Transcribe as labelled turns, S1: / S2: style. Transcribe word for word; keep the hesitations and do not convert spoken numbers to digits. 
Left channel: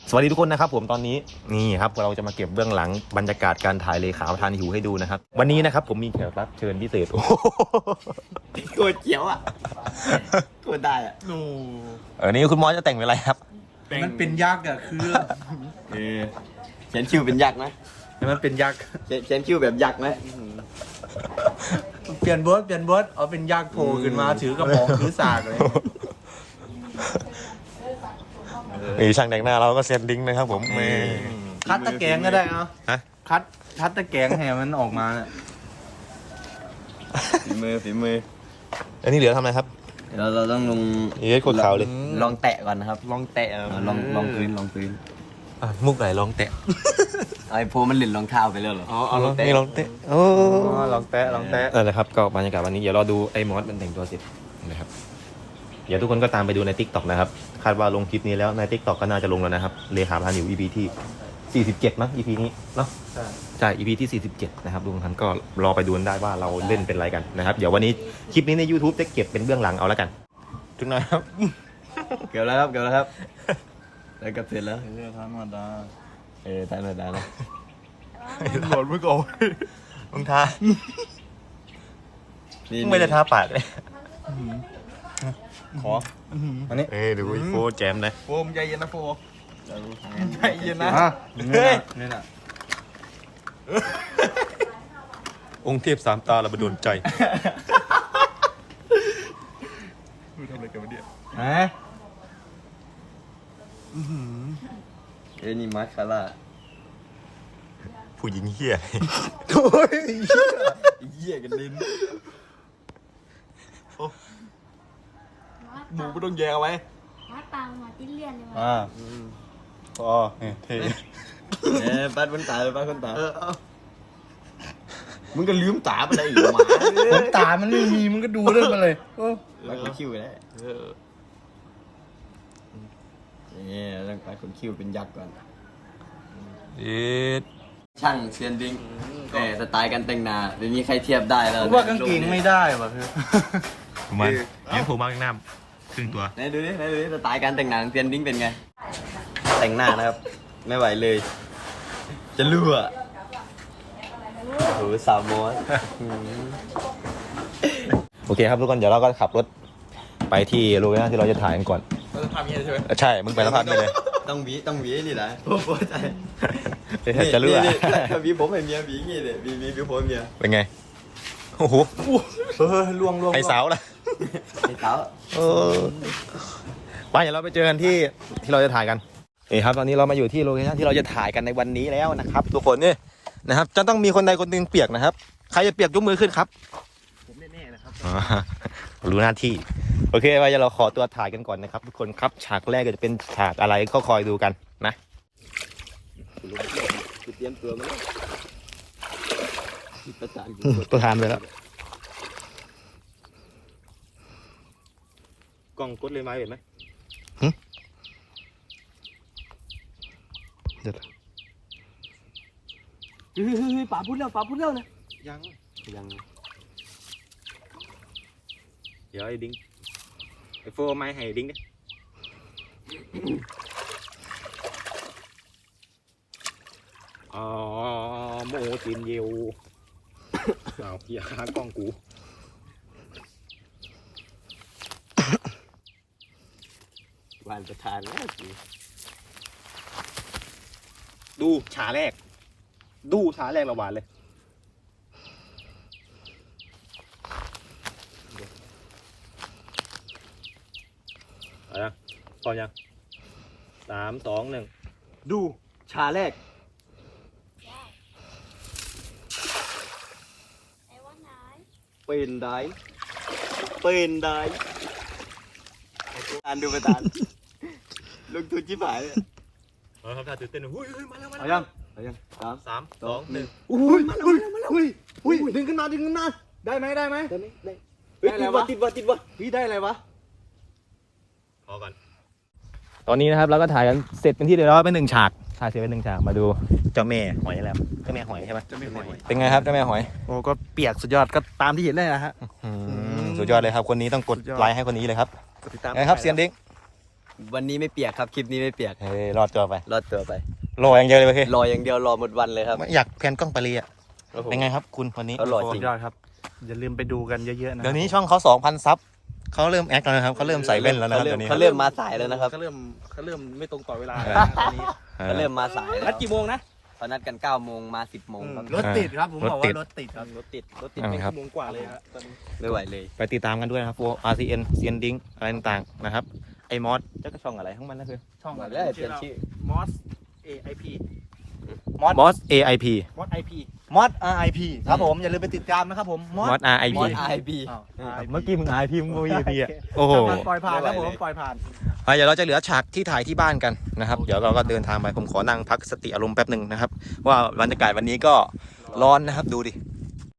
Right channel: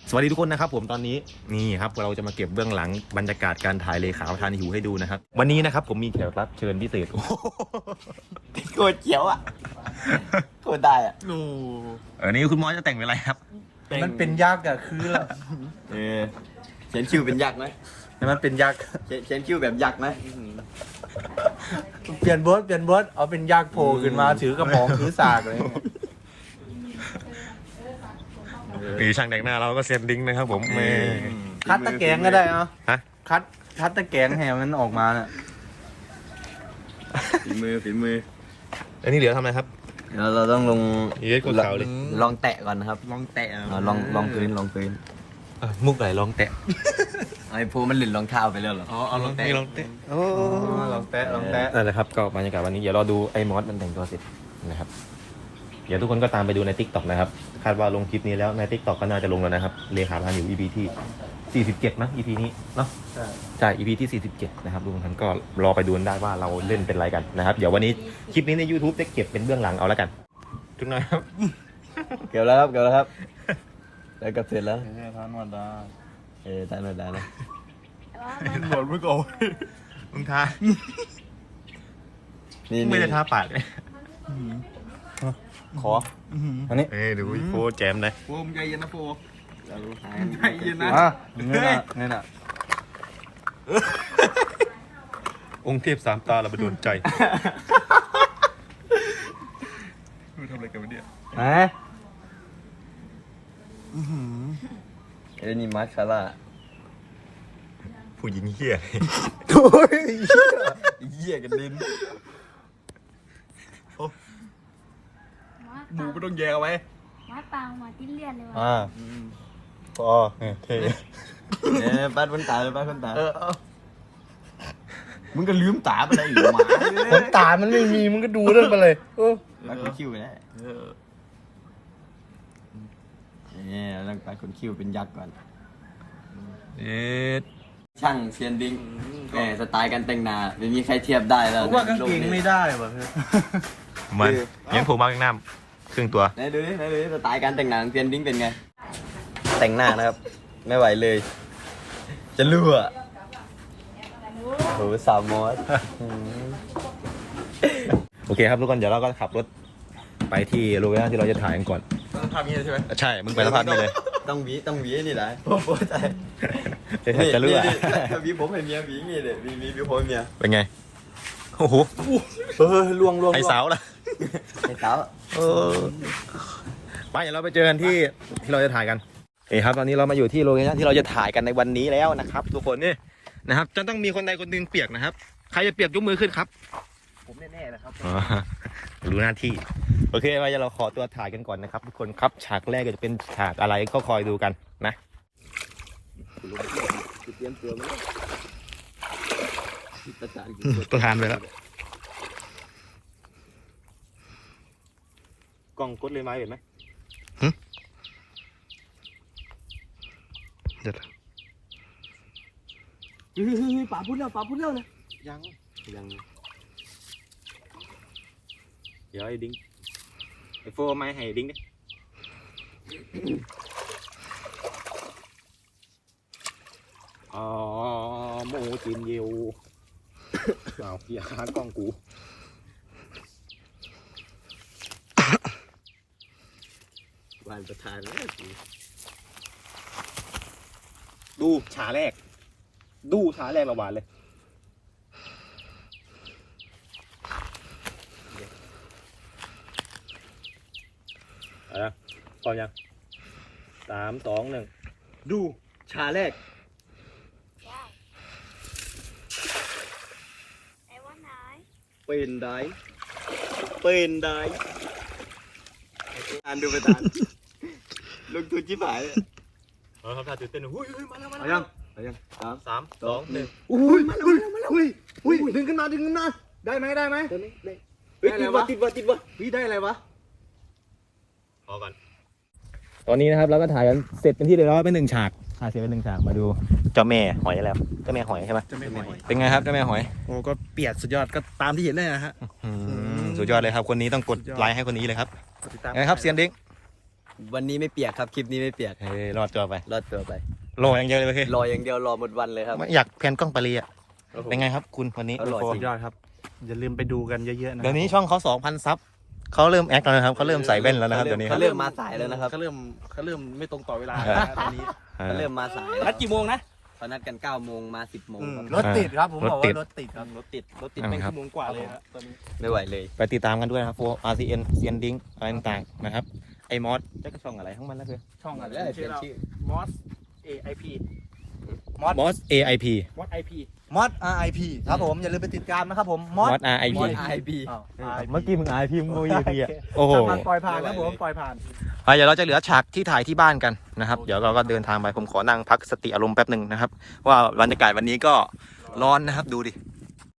S1: สวัสดีทุกคนนะครับผมตอนนี้นี่ครับเราจะมาเก็บเบื้องหลังบรรยากาศการถ่ายเลขาประธานหิวให้ดูนะครับวันนี้นะครับผมมีแขกรับเชิญพิเศษโอ้โคตรเจียวอ่ะโคตรได้อ่ะนูเออนี่คุณมอสจะแต่งเป็นอะไรครับ
S2: มันเป็นยักษ์อ่ะคือ
S3: เออเขียนคิวเป็นยักษ์ไหม
S1: มันเป็นยักษ์
S3: เขียนคิวแบบยักษ์ไหม
S2: เปลี่ยนบทเปลี่ยนบทเอาเป็นยักษ์โผล่ขึ้นมาถือกระป๋องถือสากเลย
S1: มีช่างแต่งหน้าเราก็เซ็นลิงก์นะครับผมเม
S2: คัดตะแกรงก็ได้เนาะ
S1: ฮะ
S2: คัดคัดตะแกรงให้มันออกมา
S3: ฝีมือฝีมือ
S1: อันนี้เหลือทำอะไรครับ
S3: เราเราต้องลง
S1: นี่โคตรขาวเลย
S3: ลองแตะก่อนนะครับ
S2: ลองแตะ
S3: ลองลองพื้นลองพื้น
S1: มุกไหนลองแตะ
S3: ไอ้พูมันหลินรองเท้าไปแล้วเหรอ
S2: อ๋อเอาลองแตะ
S1: ลองแตะโอ้
S2: ลองแตะลองแตะ
S1: เออเลยครับก็บรรยากาศวันนี้เดี๋ยวรอดูไอ้มอสมันแต่งตัวเสร็จนะครับเดี๋ยวทุกคนก็ตามไปดูใน ติ๊กต็อก นะครับคาดว่าลงคลิปนี้แล้วใน ติ๊กต็อก ก็น่าจะลงแล้วนะครับเลขาพานิว อี พี ที่สี่สิบเจ็ดมั้ง อี พี นี้เนาะใช่ใช่ อี พี ที่สี่สิบเจ็ดนะครับทุกท่านก็รอไปดูได้ว่าเราเล่นเป็นอะไรกันนะครับเดี๋ยววันนี้คลิปนี้ใน ยูทูบ จะเก็บเป็นเบื้องหลังเอาแล้วกันถึงหน่อยครับ
S3: เกี่ยวแล้วครับเกี่ยวแล้วครับแล้วก็เสร็จแล้ว
S2: เออทานวันดา
S3: เออทานวันดานะ
S2: หมดเมื่อก่อน
S1: มึงทาไม่ได้ทาปากเลยขออันนี้เอ้ยดูโฟแจมเลย
S2: โฟมใจเย็นนะโฟใจเย็นนะ
S1: เงี้ยนะเงี้ยนะองค์เทพสามตาเราไปโดนใจ
S2: มึงทำอะไรกันวะเนี่ย
S3: ฮะไอ้นี่มาร์คาร่า
S1: ผู้หญิงเหี้ย
S3: เหี้ยกันดิน
S2: หมูไม่ต้องแยกเอาไว้
S4: มาตังมาติ้นเลียนเลยมา
S1: อ่าอ๋อเท่
S3: เออป้าคนตาเลยป้าคนตามึงก็ลืมตาไปเลยหมา
S2: ตามันไม่มีมึงก็ดูเรื่องไปเลย
S3: ป้าคนคิ้วไปแล้วเนี่ยต้องป้าคนคิ้วเป็นยักษ์ก่อน
S1: เอ๊ะ
S3: ช่างเซียนดิ้งแต่สไตล์การแต่งหน้าไม่มีใครเทียบได้แล้ว
S2: ว่ากางเกงไม่ได้ว่ะคือ
S1: มันยังผมมากน้ำครึ่งตัว
S3: ไหนดูดิไหนดูดิสไตล์การแต่งหน้าของเซียนดิ้งเป็นไงแต่งหน้านะครับไม่ไหวเลยจะรั่วโหสาวมอส
S1: โอเคครับทุกคนเดี๋ยวเราก็ขับรถไปที่โลเคชั่นที่เราจะถ่ายกันก่อน
S2: เราจะทำยังไงใช่ไหม
S1: ใช่มึงไปละพันไปเลย
S3: ต้องวีต้องวีนี่แหละโอ้โหใจ
S1: จะรั่ว
S3: วีผมเป็นเมียวีงี้เลยวีวีวีผมเมีย
S1: เป็นไงโอ้โห
S2: เออล่วงล่วง
S1: ไอ้สาวล่ะ
S3: ไอ้สาว
S1: เออไปเดี๋ยวเราไปเจอกันที่ที่เราจะถ่ายกันนี่ครับตอนนี้เรามาอยู่ที่โลเคชั่นที่เราจะถ่ายกันในวันนี้แล้วนะครับทุกคนนี่นะครับจะต้องมีคนใดคนหนึ่งเปียกนะครับใครจะเปียกยกมือขึ้นครับ
S3: ผมแน่ๆนะครับ
S1: รู้หน้าที่โอเคไปเดี๋ยวเราขอตัวถ่ายกันก่อนนะครับทุกคนครับฉากแรกจะเป็นฉากอะไรก็คอยดูกันนะ
S3: เตรียมตัวมาประธาน
S1: ประธานไปแล้วกล้องกดเลยไหมเห็นไหมเดี๋ยว
S3: เฮ้ยป่าพูดแล้วป่าพูดแล้วนะ
S1: ยังยังเดี๋ยวไอ้ดิ้งไอ้โฟร์ไม่ให้ดิ้งดิอ๋อโมจินเยวเอาอย่าหากล้องกู
S3: วานประธานแล้ว
S1: ดูฉาแรกดูฉาแรกระหว่างเลยอะไรนะพร้อมยังสามสองหนึ่ง
S3: ดูฉาแรกเป็นได้เป็นได้อ่านดูประธานลงทุนชิบหาย
S1: เออครับถ้าตื่นเต้นหุ้ยเฮ้ยมาแล้วมา
S3: แล้วยังยังสาม
S1: สามสองหนึ่ง
S3: อุ้ยมาแล้วมาแล้ว
S2: อุ้ยอุ้ยดึงขึ้นมาดึงขึ้นมาได้ไหมได้ไหม
S3: ได้ไหมได้
S2: ได้อะไรวะติดวะติดวะพี่ได้อะไรวะ
S1: พอก่อนตอนนี้นะครับเราก็ถ่ายกันเสร็จเป็นที่เรียบร้อยเป็นหนึ่งฉากถ่ายเสร็จเป็นหนึ่งฉากมาดูเจ้าแม่หอยแล้วเจ้าแม่หอยใช่ไหม
S2: เจ้าแม่หอย
S1: เป็นไงครับเจ้าแม่หอย
S2: โอ้ก็เปียกสุดยอดก็ตามที่เห็นเลยนะฮะ
S1: สุดยอดเลยครับคนนี้ต้องกดไลค์ให้คนนี้เลยครับไงครับเซียนดิ้ง
S3: วันนี้ไม่เปียกครับคลิปนี้ไม่เปียก
S1: เฮ้ยรอดตัวไป
S3: รอดตัวไป
S1: รออย่างเดียวเลยโอเค
S3: รออย่างเดียวรอหมดวันเลยครับ
S1: ไม่อยากแพนกล้องไปเลยอ่ะเป็นไงครับคุณวันนี้
S3: อร่อย
S1: โฟ
S2: สุดยอดครับ อย่าลืมไปดูกันเยอะๆนะ
S1: เดี๋ยวนี้ช่องเขาสองพันซับเขาเริ่มแอคแล้วนะครับเขาเริ่มใส่แว่นแล้วนะครับเดี๋ยวนี้ค
S3: เขา
S1: รับ
S3: เริ่มมาสายแล้วนะครับ
S2: เขาเริ่มเขาเริ่มไม่ตรงต่อเวลา
S1: เออ
S2: ตอนนี้
S1: เอ
S3: เขา
S1: อ
S3: เริ่มมาสายแล้ว
S2: นัดกี่โมงนะ
S3: เขานัดกันเก้าโมงมาสิบโมงครับ
S2: รถติดครับผมบอก
S1: รถติด
S2: ว่ารถติดครับรถติดรถติด
S1: อ่า
S2: เป็น
S1: ครับ
S2: ชั่วโมงกว่าเลยครับตอนนี้
S3: ไม่ไหวเลย
S1: ไปติดตามกันด้วยนะครับโฟ อาร์ ซี เอ็น เซียนดิ้งอะไรต่างๆนะครับไอ้มอสเจ้าก็ช่องอะไรทั้งมันนะเพื่อน
S2: ช่องอะไร
S3: ได้เปลี่
S2: ชื่อย
S3: น
S2: เรา
S3: ชื่อ
S2: มอส เอ ไอ พี
S1: มอส เอ ไอ พี
S2: มอส ไอ พี มอส อาร์ ไอ พี ครับผมอย่าลืมไปติดตามนะครับผมมอ
S1: มอ
S2: ส
S1: ส อาร์ ไอ
S3: ม
S1: พี
S3: อสไอพี
S2: อ้าว
S1: เมื่อกี้มึง อาร์ ไอ พี มึงโม อี พี อ่ะโอ้โห
S2: มันปล่อยผ่านครับผมปล่อยผ่าน
S1: อ่ะเดี๋ยวเราจะเหลือฉากที่ถ่ายที่บ้านกันนะครับ เดี๋ยวเราก็เดินทางไปผมขอนั่งพักสติอารมณ์แป๊บหนึ่งนะครับ ว่าบรรยากาศวันนี้ก็ร้อนนะครับดูดิ